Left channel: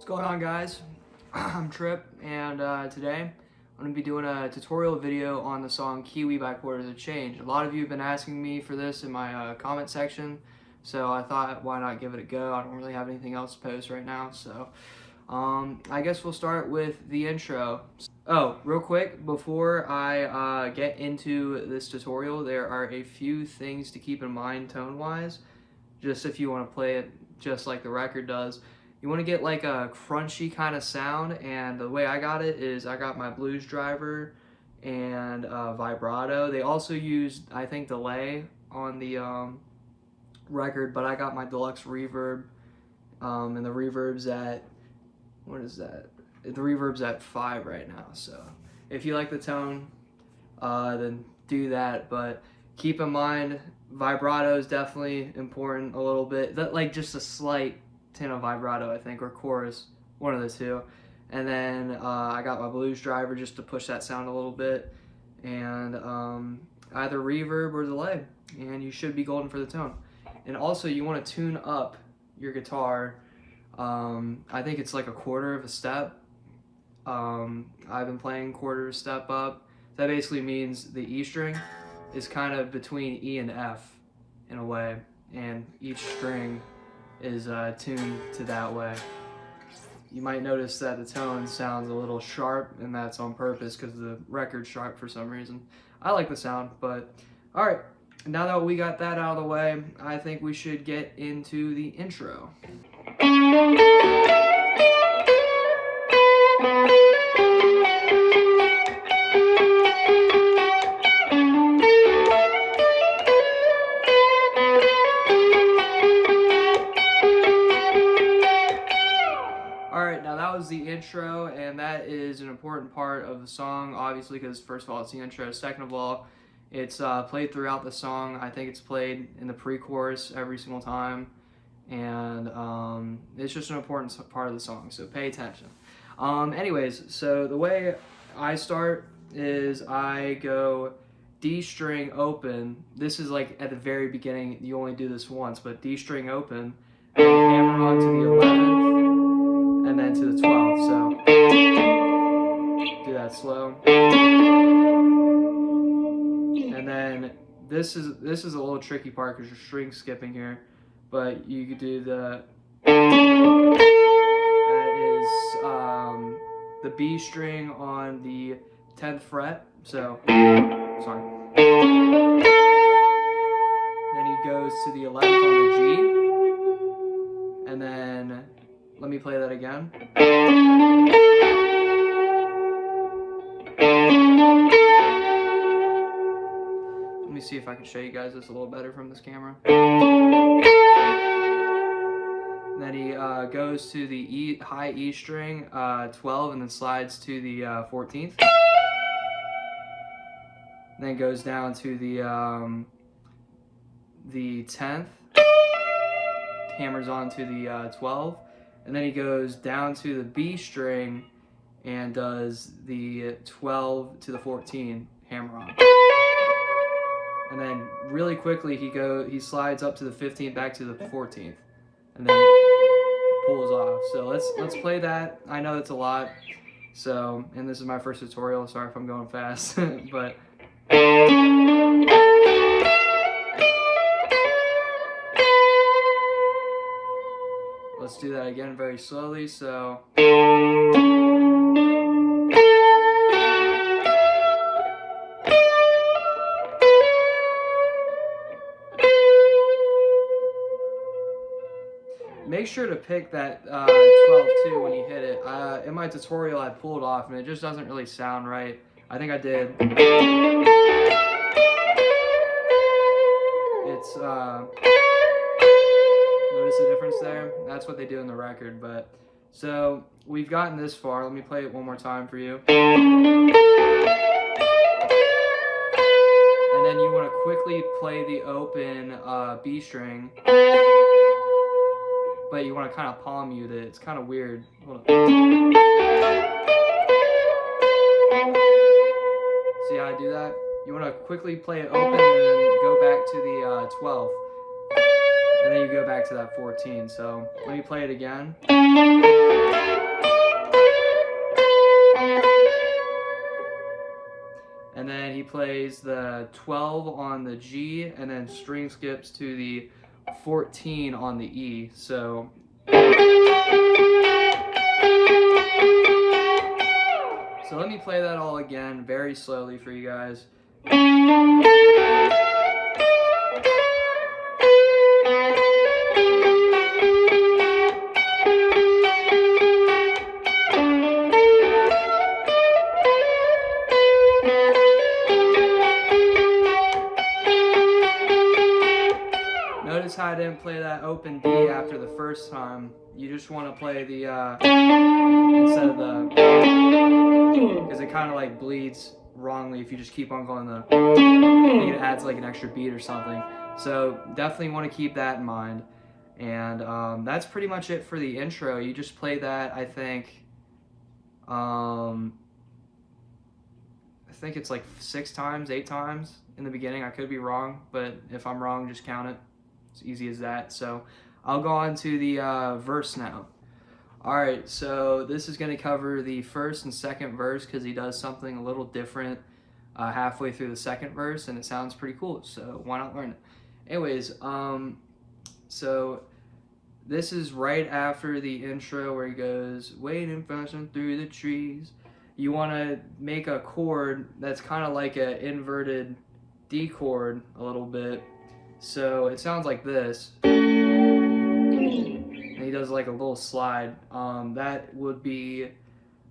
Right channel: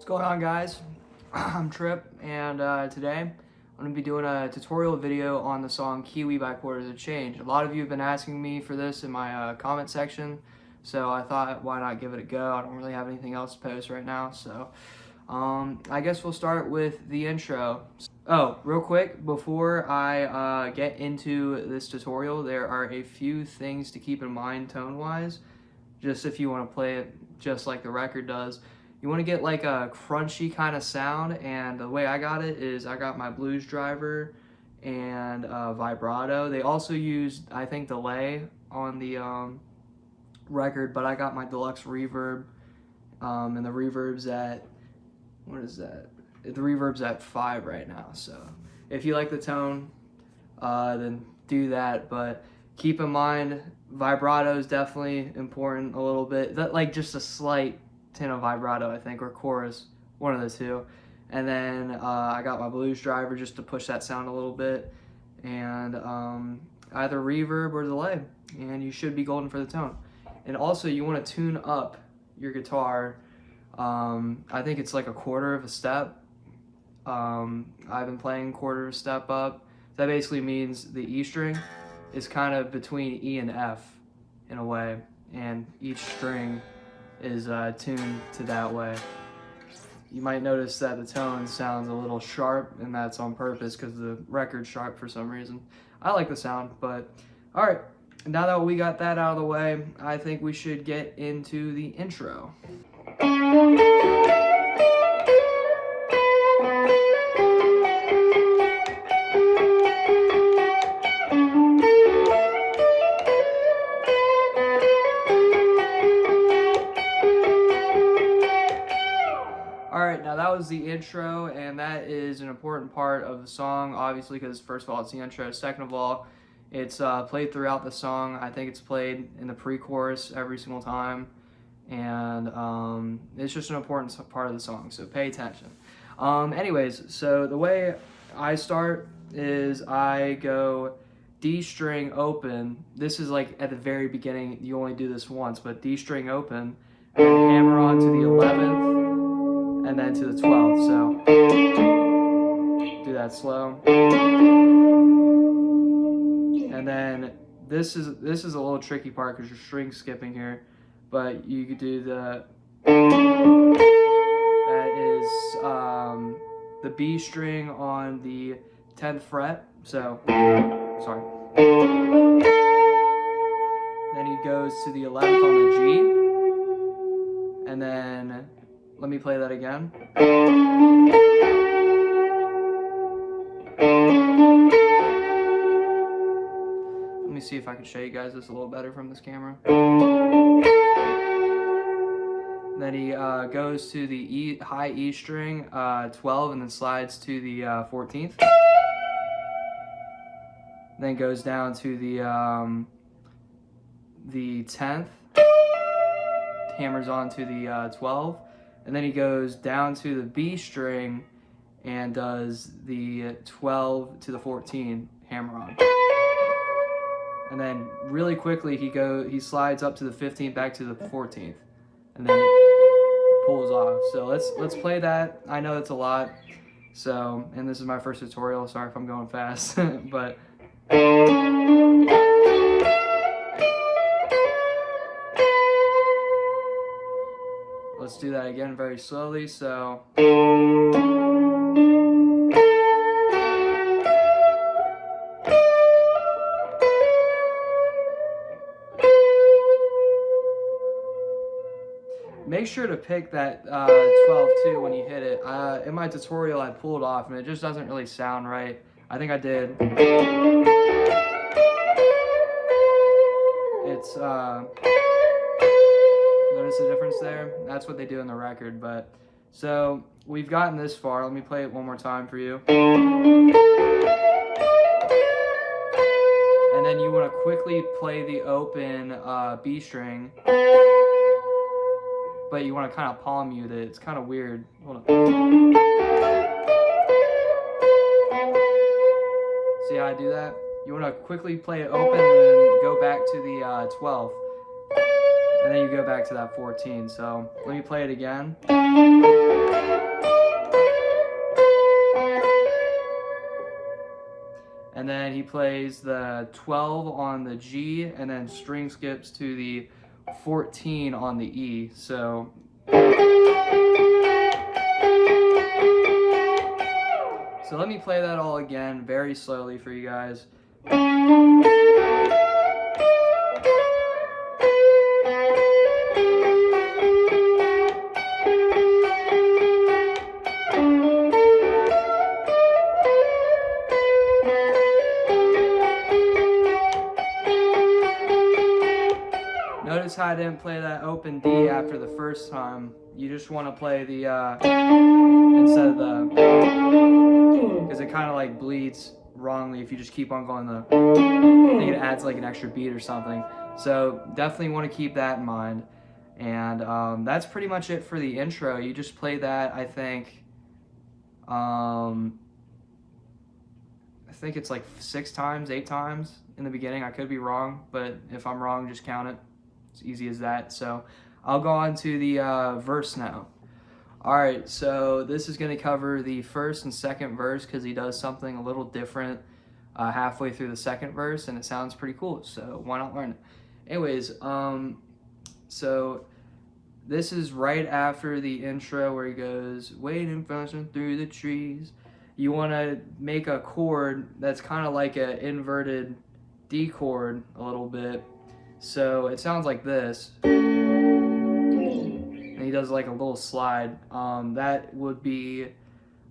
What's going on, guys? I'm Trip, and today I'm going to be doing a tutorial video on the song Kiwi by Quarters of Change. A lot of you have been asking me for this in my comment section, so I thought, why not give it a go? I don't really have anything else to post right now, so I guess we'll start with the intro. Oh, real quick, before I get into this tutorial, there are a few things to keep in mind tone-wise, just if you want to play it just like the record does. You want to get like a crunchy kind of sound, and the way I got it is I got my blues driver and vibrato. They also used, I think, delay on the record, but I got my deluxe reverb, and the reverb's at, what is that? The reverb's at 5 right now, so if you like the tone, then do that, but keep in mind vibrato is definitely important a little bit, that like just a slight tint of vibrato, I think, or chorus, one of the two. And then I got my blues driver just to push that sound a little bit, and either reverb or delay, and you should be golden for the tone. And also you want to tune up your guitar. I think it's like a quarter of a step. I've been playing quarter of a step up. That basically means the E string is kind of between E and F in a way, and each string is tuned to that way. You might notice that the tone sounds a little sharp, and that's on purpose because the record's sharp for some reason. I like the sound, but all right, now that we got that out of the way, I think we should get into the intro. Alright, now that was the intro, and that is an important part of the song, obviously, because first of all, it's the intro. Second of all, it's played throughout the song. I think it's played in the pre-chorus every single time, and it's just an important part of the song, so pay attention. Anyways, so the way I start is I go D string open. This is like at the very beginning, you only do this once, but D string open, and hammer on to the 11th, and then to the 12th, so do that slow. And then this is a little tricky part because you're string skipping here, but you could do that is the B string on the 10th fret, so, sorry. Then he goes to the 11th on the G, and then let me play that again. Let me see if I can show you guys this a little better from this camera. Then he goes to the high E string, 12, and then slides to the 14th. Then goes down to the 10th, hammers on to the 12. And then he goes down to the B string and does the 12 to the 14 hammer on. And then really quickly he slides up to the 15th back to the 14th, and then pulls off. So let's play that. I know it's a lot. So, and this is my first tutorial. Sorry if I'm going fast, but let's do that again very slowly. So make sure to pick that 12 too when you hit it. In my tutorial I pulled off and it just doesn't really sound right. I think I did. It's notice the difference there? That's what they do in the record, but so we've gotten this far. Let me play it one more time for you. And then you want to quickly play the open B string, but you want to kind of palm mute it. It's kind of weird. Hold on. See how I do that? You want to quickly play it open and then go back to the 12. And then you go back to that 14. So let me play it again. and then he plays the 12 on the G, and then string skips to the 14 on the E. So let me play that all again very slowly for you guys. Notice how I didn't play that open D after the first time. You just want to play the instead of the, because it kind of like bleeds wrongly if you just keep on going the, I think it adds like an extra beat or something. So definitely want to keep that in mind. And that's pretty much it for the intro. You just play that, I think it's like 6 times, 8 times in the beginning. I could be wrong, but if I'm wrong, just count it. It's easy as that. So I'll go on to the verse now. Alright, so this is going to cover the first and second verse because he does something a little different halfway through the second verse, and it sounds pretty cool, so why not learn it? Anyways, so this is right after the intro where he goes, waiting flashing through the trees. You want to make a chord that's kind of like an inverted D chord a little bit. So it sounds like this. And he does like a little slide. That would be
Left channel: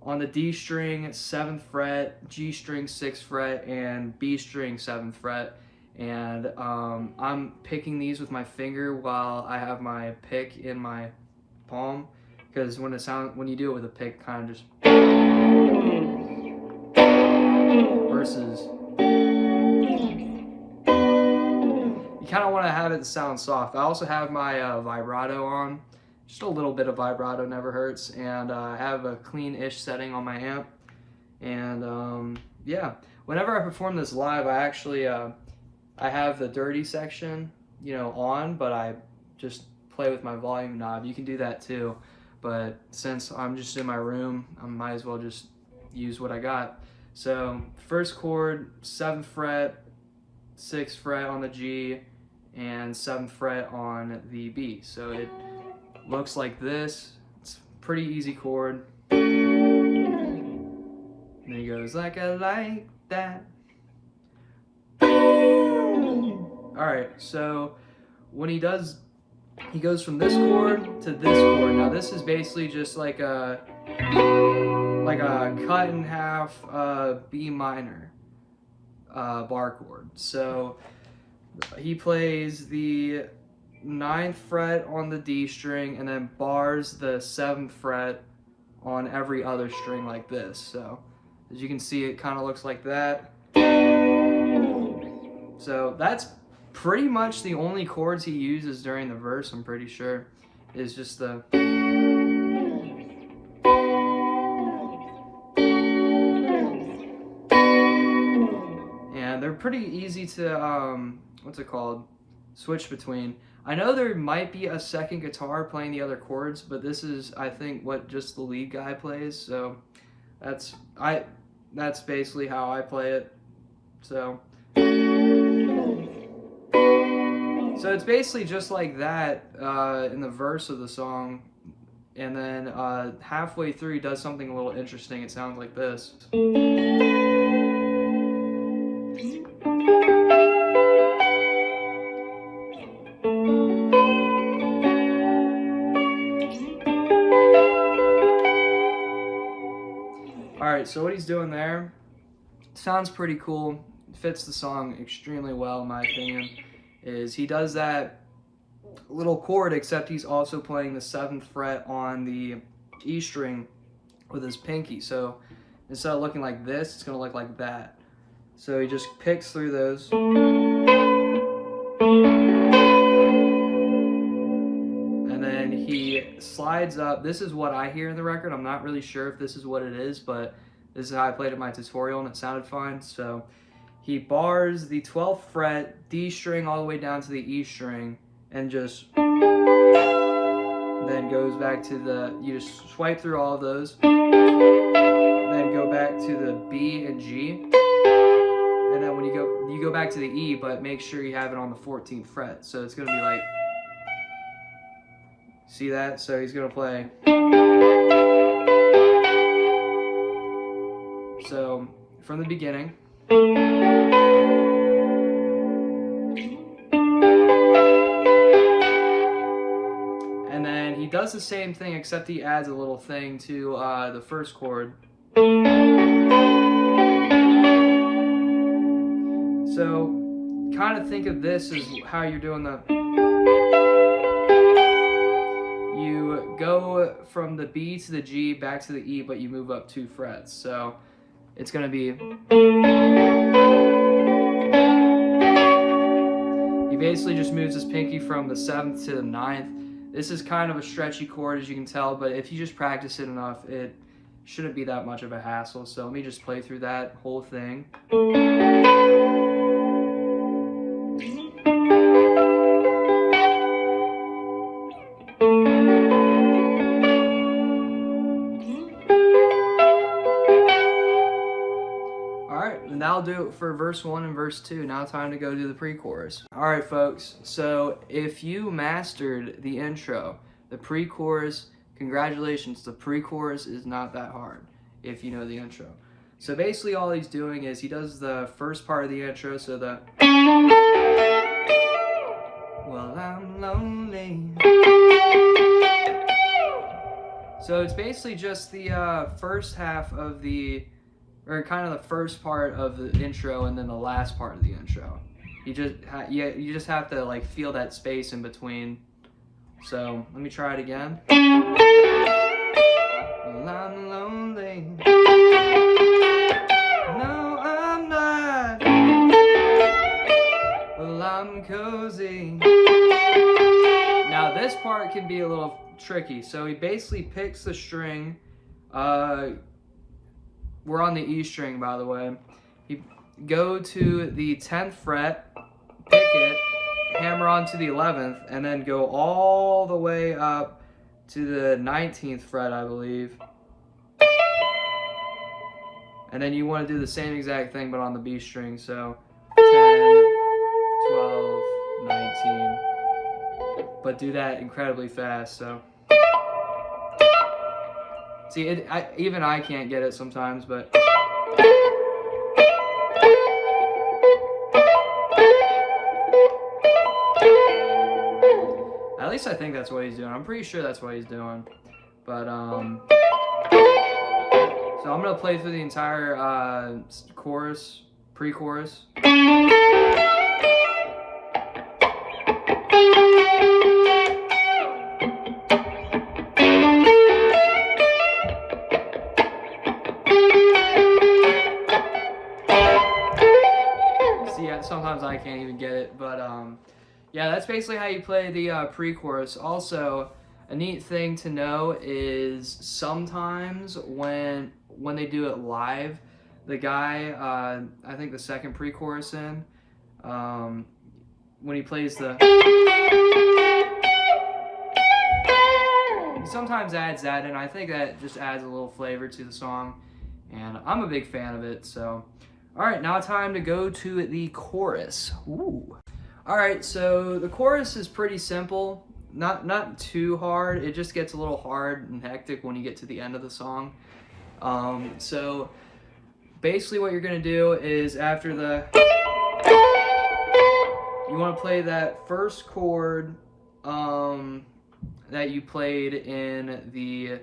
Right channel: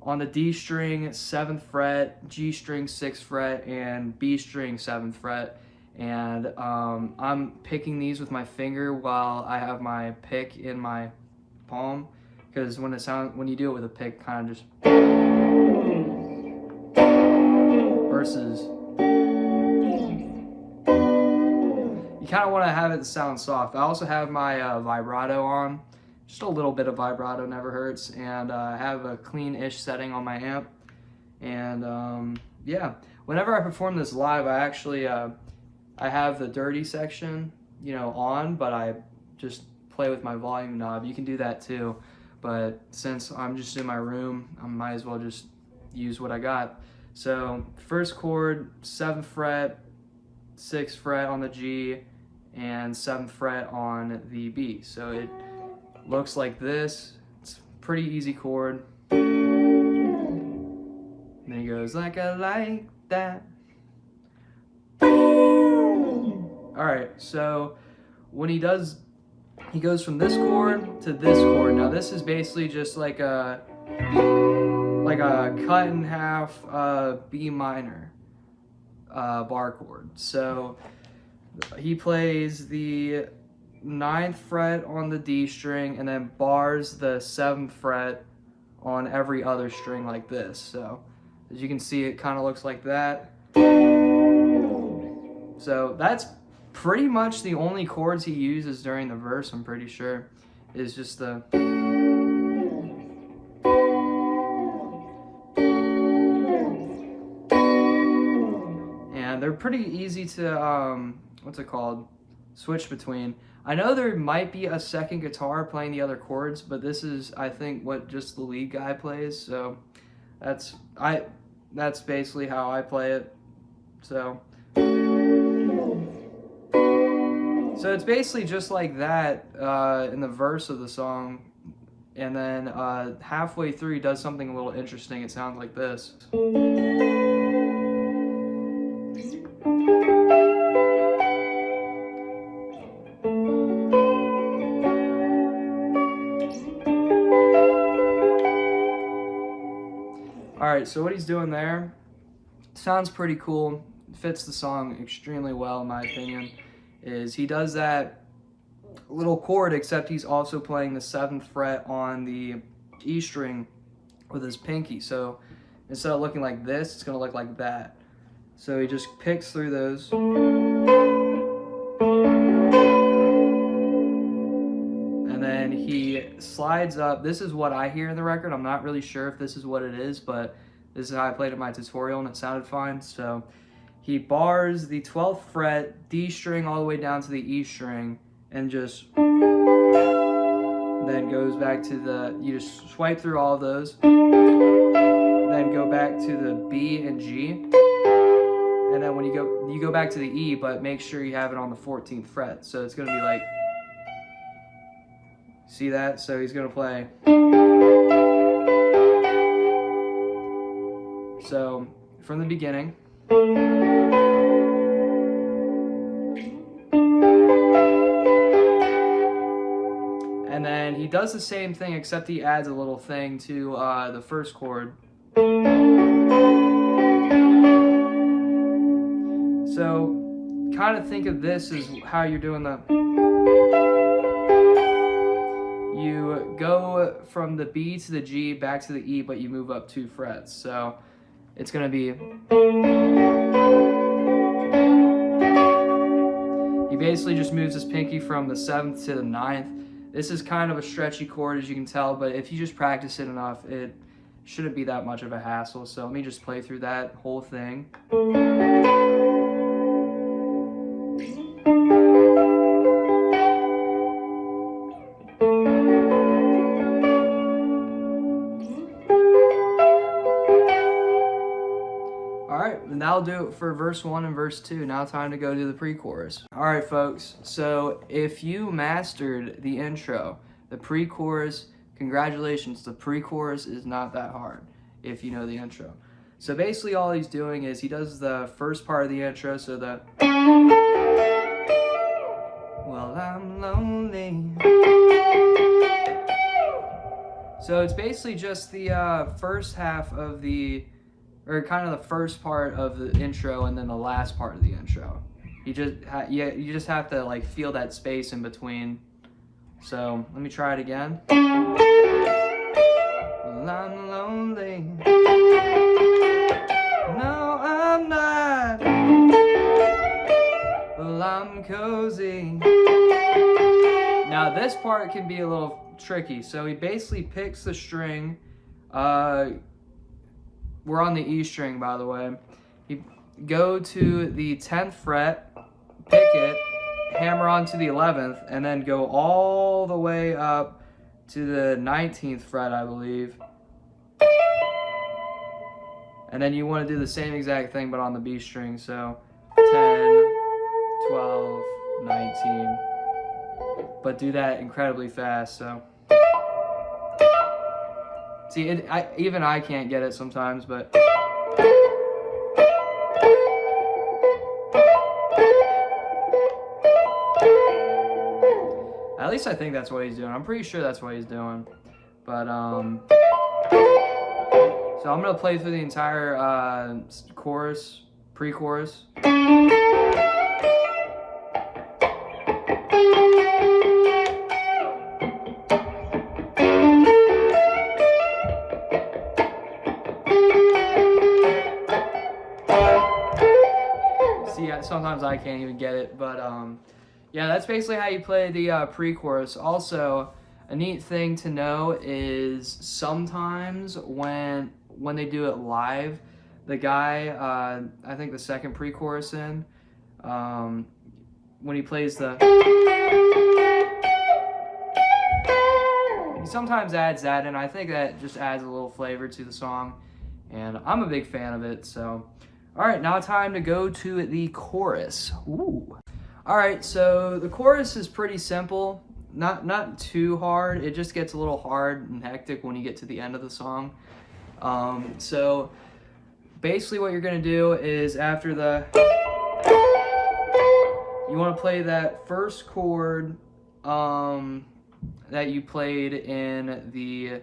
on the D string, 7th fret, G string, 6th fret, and B string, 7th fret. And I'm picking these with my finger while I have my pick in my palm, because when you do it with a pick, kind of just versus. You kind of want to have it sound soft. I also have my vibrato on. Just a little bit of vibrato never hurts. And I have a clean-ish setting on my amp. And yeah, whenever I perform this live, I actually I have the dirty section, you know, on, but I just play with my volume knob. You can do that too. But since I'm just in my room, I might as well just use what I got. So first chord, 7th fret, 6th fret on the G, and 7th fret on the B. So it looks like this. It's a pretty easy chord. And then he goes like I like that. Alright, so when he does, he goes from this chord to this chord. Now this is basically just like a cut in half B minor bar chord. So he plays the 9th fret on the D string and then bars the 7th fret on every other string like this. So as you can see, it kind of looks like that. So that's pretty much the only chords he uses during the verse, I'm pretty sure, is just the and they're pretty easy to what's it called, switch between. I know there might be a second guitar playing the other chords, but this is, I think, what just the lead guy plays. So that's basically how I play it. So it's basically just like that in the verse of the song, and then halfway through he does something a little interesting. It sounds like this. Alright, so what he's doing there sounds pretty cool. Fits the song extremely well in my opinion. Is he does that little chord, except he's also playing the 7th fret on the E string with his pinky. So instead of looking like this, it's going to look like that. So he just picks through those. And then he slides up. This is what I hear in the record. I'm not really sure if this is what it is, but this is how I played it in my tutorial and it sounded fine. So he bars the 12th fret, D string all the way down to the E string, and just then goes back to the, you just swipe through all of those, then go back to the B and G, and then when you go back to the E, but make sure you have it on the 14th fret. So it's gonna be like, see that? So he's gonna play. So from the beginning. And then he does the same thing, except he adds a little thing to the first chord. So kind of think of this as how you're doing the... You go from the B to the G, back to the E, but you move up 2 frets. So it's going to be... He basically just moves his pinky from the 7th to the 9th. This is kind of a stretchy chord, as you can tell, but if you just practice it enough, it shouldn't be that much of a hassle. So let me just play through that whole thing. Alright, and that'll do it for verse 1 and verse 2. Now time to go to the pre-chorus. Alright folks, so if you mastered the intro, the pre-chorus, congratulations, the pre-chorus is not that hard if you know the intro. So basically all he's doing is he does the first part of the intro, so the... Well, I'm lonely. So it's basically just the first half of the... or kind of the first part of the intro and then the last part of the intro. You just have to like feel that space in between. So let me try it again. Well, I'm lonely. No, I'm not. Well, I'm cozy. Now this part can be a little tricky. So he basically picks the string. We're on the E string, by the way. You go to the 10th fret, pick it, hammer onto the 11th, and then go all the way up to the 19th fret, I believe. And then you want to do the same exact thing, but on the B string. So 10, 12, 19. But do that incredibly fast, so... See, even I can't get it sometimes, but... At least I think that's what he's doing. I'm pretty sure that's what he's doing. But, so I'm going to play through the entire chorus, pre-chorus. Sometimes I can't even get it, but yeah, that's basically how you play the pre-chorus. Also, a neat thing to know is sometimes when they do it live, the guy, I think the second pre-chorus in, when he plays the, he sometimes adds that, and I think that just adds a little flavor to the song, and I'm a big fan of it, so. All right, now time to go to the chorus. Ooh. All right, so the chorus is pretty simple, not too hard. It just gets a little hard and hectic when you get to the end of the song. So basically what you're gonna do is after the, you wanna play that first chord that you played in the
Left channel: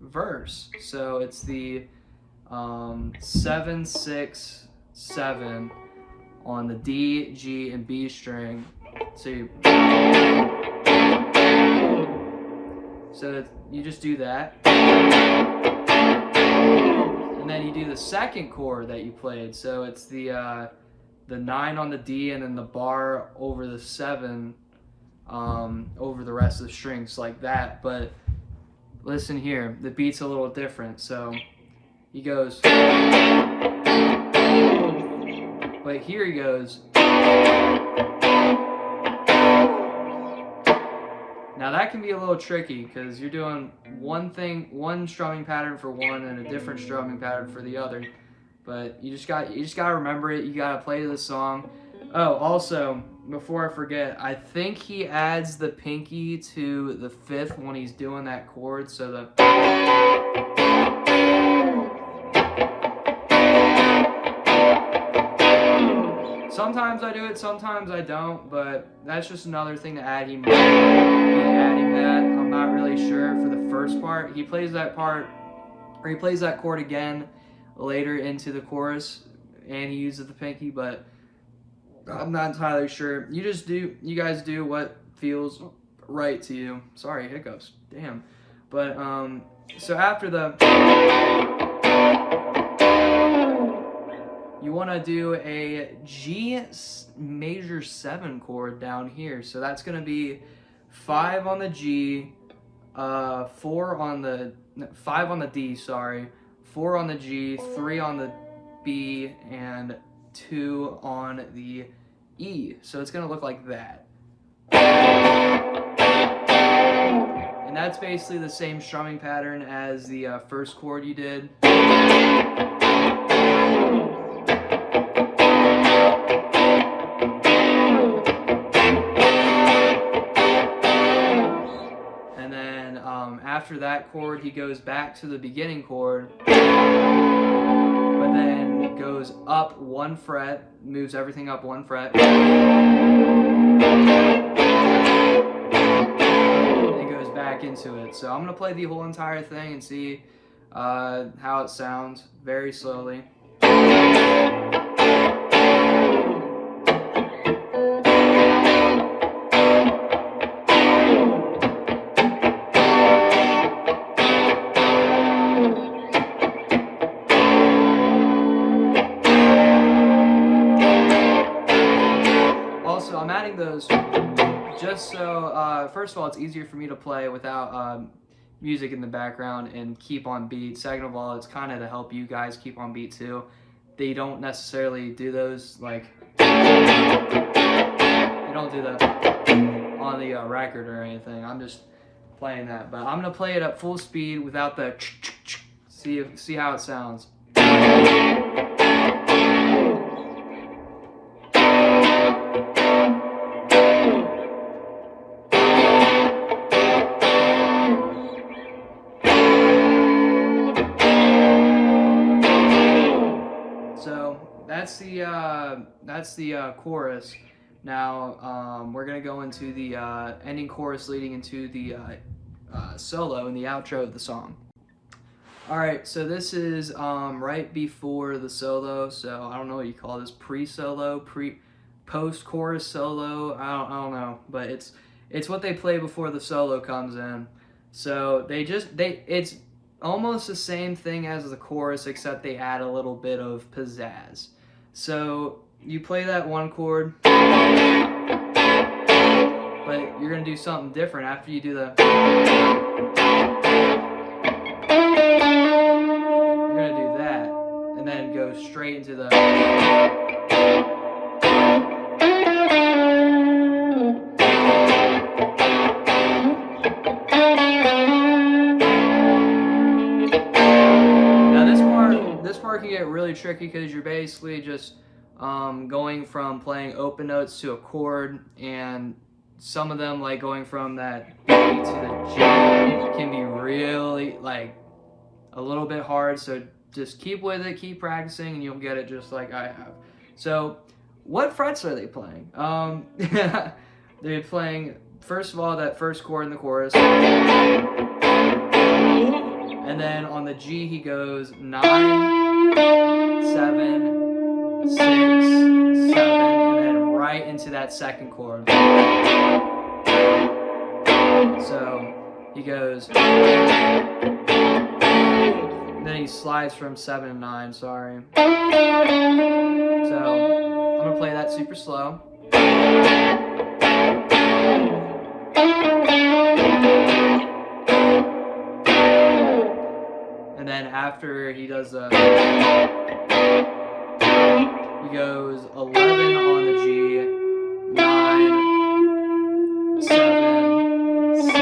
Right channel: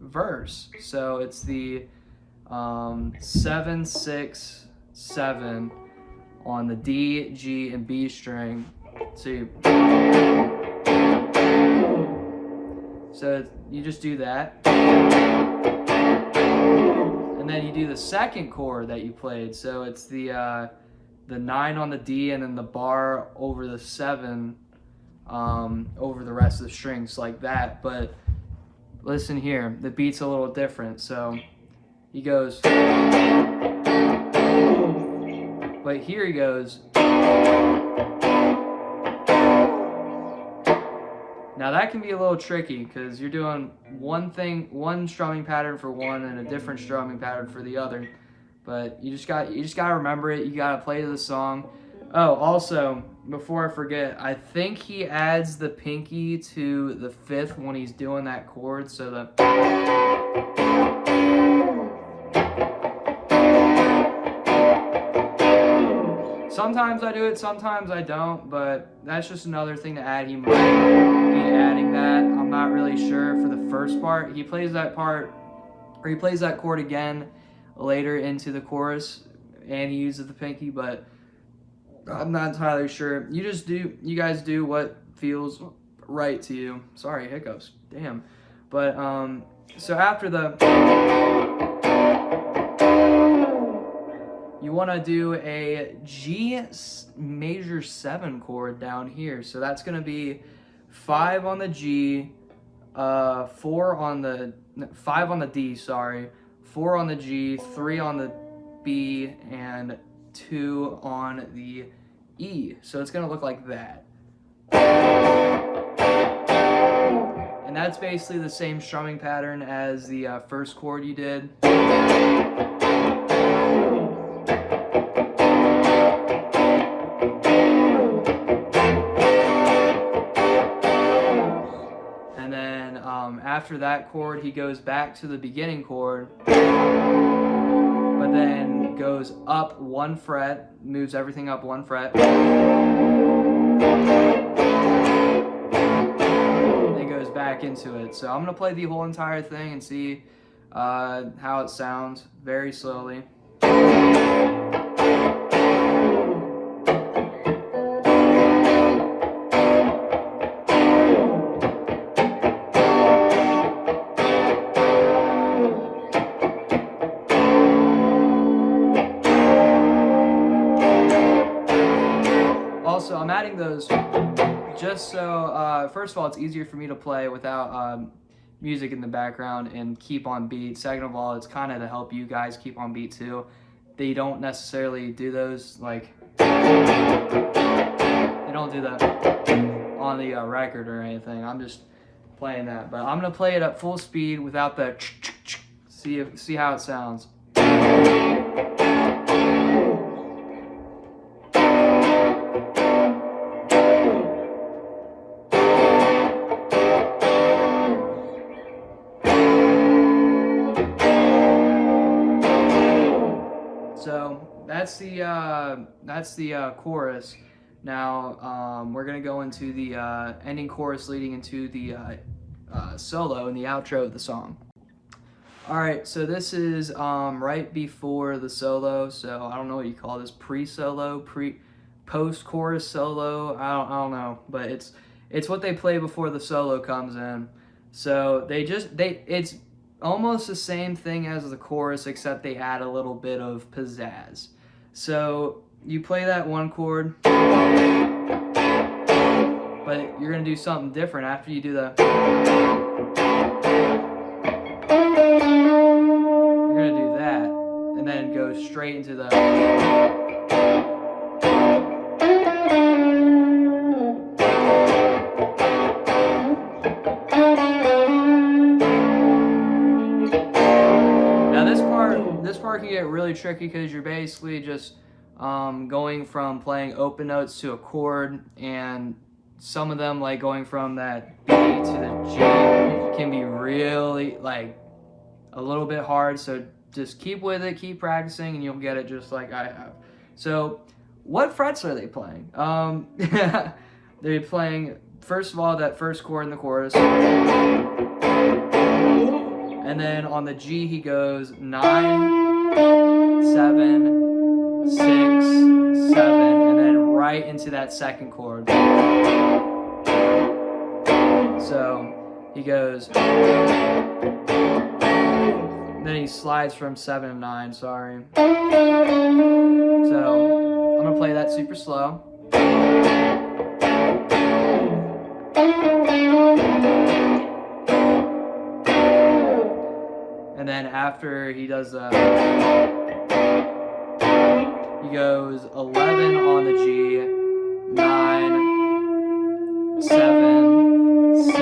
verse. So it's the 7, 6, 7 on the D, G, and B string. So you just do that. And then you do the second chord that you played. So it's the 9 on the D and then the bar over the 7 over the rest of the strings like that. But listen here, the beat's a little different. So he goes, but here he goes. Now that can be a little tricky because you're doing one strumming pattern for one and a different strumming pattern for the other. But you just gotta remember it. You gotta play the song. Oh, also, before I forget, I think he adds the pinky to the 5th when he's doing that chord, so the... Sometimes I do it, sometimes I don't, but that's just another thing to add. He might be adding that. I'm not really sure for the first part. He plays that part, or he plays that chord again later into the chorus, and he uses the pinky, but I'm not entirely sure. You guys do what feels right to you. Sorry, hiccups. Damn. But, so after the... You want to do a G major 7 chord down here. So that's going to be 5 on the G, 5 on the D, sorry, 4 on the G, 3 on the B, and 2 on the E. So it's going to look like that. And that's basically the same strumming pattern as the first chord you did. After that chord, he goes back to the beginning chord, but then goes up 1 fret, moves everything up 1 fret, then goes back into it. So I'm going to play the whole entire thing and see how it sounds very slowly. Also, I'm adding those just so, first of all, it's easier for me to play without music in the background and keep on beat. Second of all, it's kind of to help you guys keep on beat too. They don't necessarily do those, like, they don't do that on the record or anything. I'm just playing that. But I'm going to play it at full speed without the see how it sounds. So that's the chorus. Now we're gonna go into the ending chorus leading into the solo and the outro of the song. All right, so this is right before the solo. So I don't know what you call this, pre-solo, post-chorus solo. I don't know, but it's what they play before the solo comes in. So it's almost the same thing as the chorus, except they add a little bit of pizzazz. So you play that 1 chord, but you're gonna do something different after you do the. You're gonna do that, and then go straight into the. This part can get really tricky because you're basically just going from playing open notes to a chord, and some of them, like going from that B to the G, can be really like a little bit hard. So just keep with it, keep practicing, and you'll get it just like I have. So what frets are they playing? They're playing, first of all, that first chord in the chorus. And then on the G, he goes 9, 7, 6, 7, and then right into that second chord. So he goes, then he slides from 7 to 9, sorry. So I'm gonna play that super slow. And then after he does he goes 11 on the G, 9, 7, 6,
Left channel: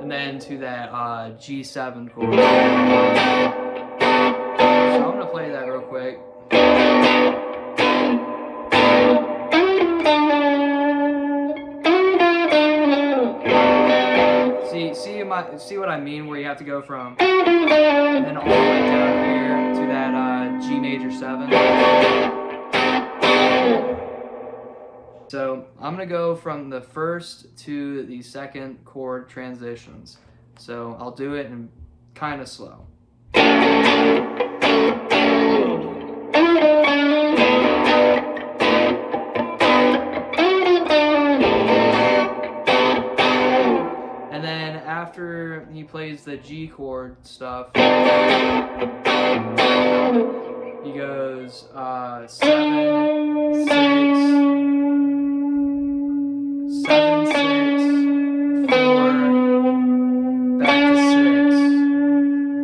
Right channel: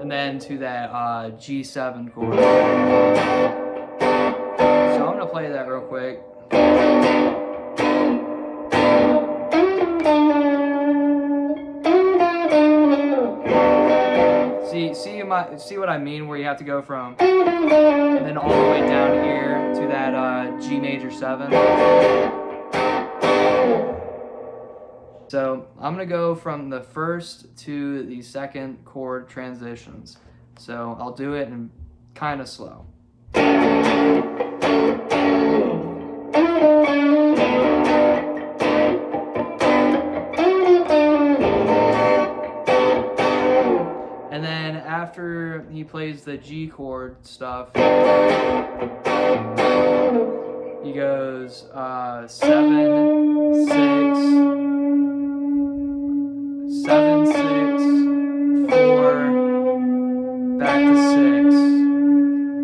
and then to that G7 chord. So I'm gonna to play that real quick. See what I mean, where you have to go from and then all the way down here to that G major 7. So I'm gonna go from the first to the second chord transitions. So I'll do it in kind of slow. And then after he plays the G chord stuff, he goes 7, 6, 7, 6, 4, back to 6,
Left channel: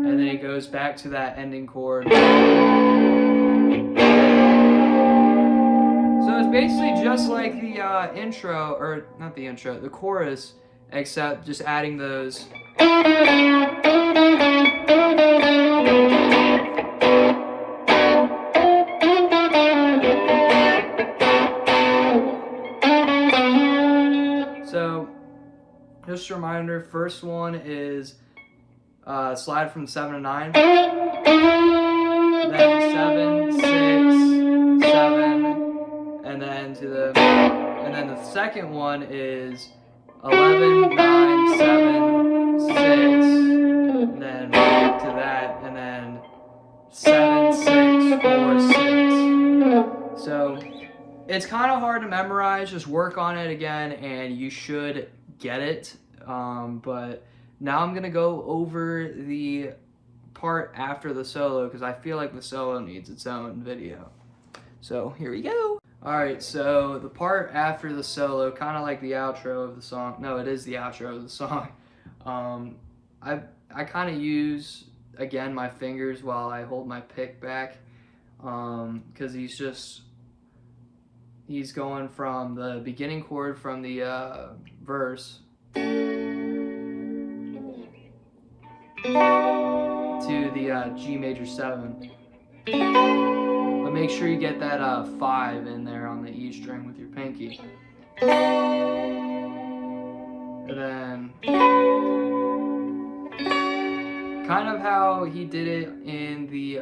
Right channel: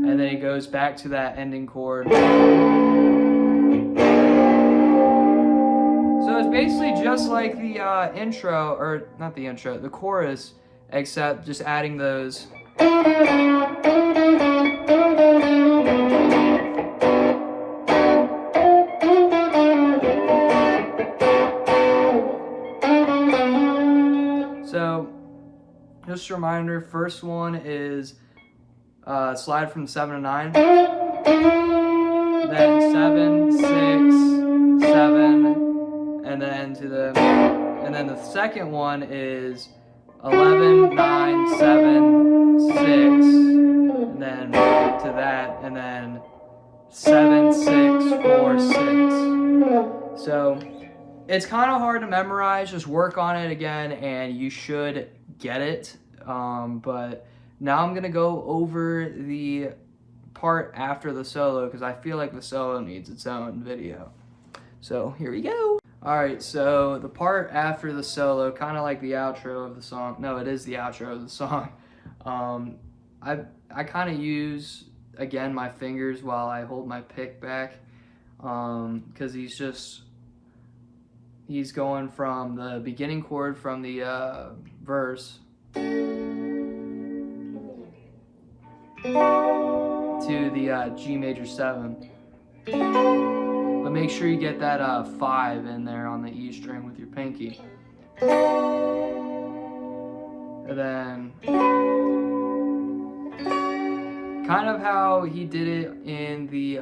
and then he goes back to that ending chord. So it's basically just like the intro, or not the intro, the chorus, except just adding those. So, just a reminder, first one is slide from 7 to 9, then 7, 6, 7, and then then the second one is 11, 9, 7, 6, and then to that, and then 7, 6, 4, 6. So it's kind of hard to memorize. Just work on it again, and you should get it. But now I'm gonna go over the part after the solo because I feel like the solo needs its own video. So here we go. Alright, so the part after the solo, kind of like the outro of the song. No, it is the outro of the song. I kind of use, again, my fingers while I hold my pick back. Because he's going from the beginning chord from the verse to the G major 7. But make sure you get that 5 in there on the E string with your pinky. And then, kind of how he did it in the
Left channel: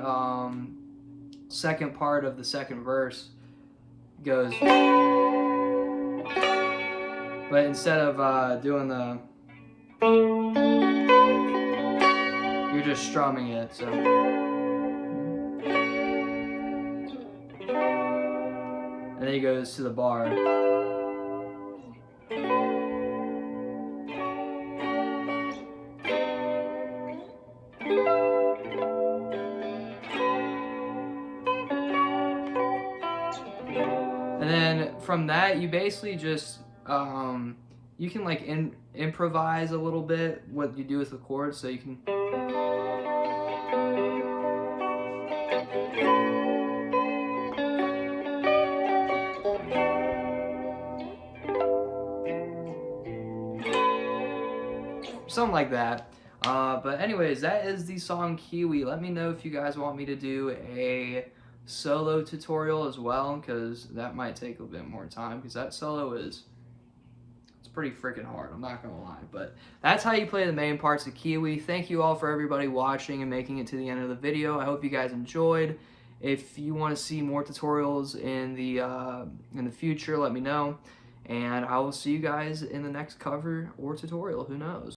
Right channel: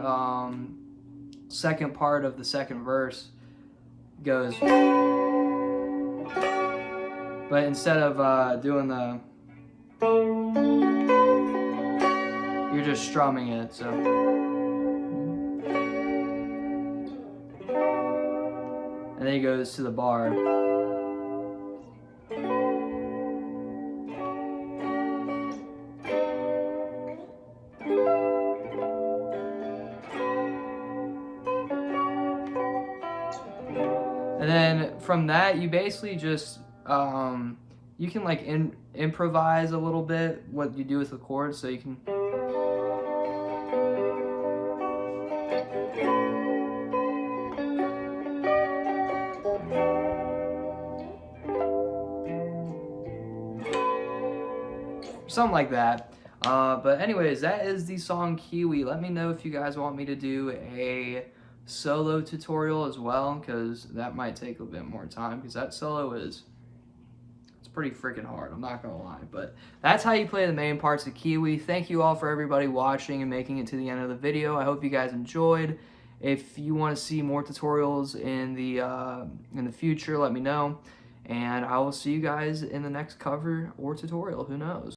second part of the second verse, goes, but instead of doing the, you're just strumming it, so. And then he goes to the bar. And then from that, you basically just, you can like improvise a little bit what you do with the chords, so you can. Something like that. But anyways, that is the song Kiwi. Let me know if you guys want me to do a solo tutorial as well, because that might take a bit more time, because that solo it's pretty freaking hard, I'm not gonna lie. But that's how you play the main parts of Kiwi. Thank you all for everybody watching and making it to the end of the video. I hope you guys enjoyed. If you want to see more tutorials in the future, let me know, and I will see you guys in the next cover or tutorial. Who knows?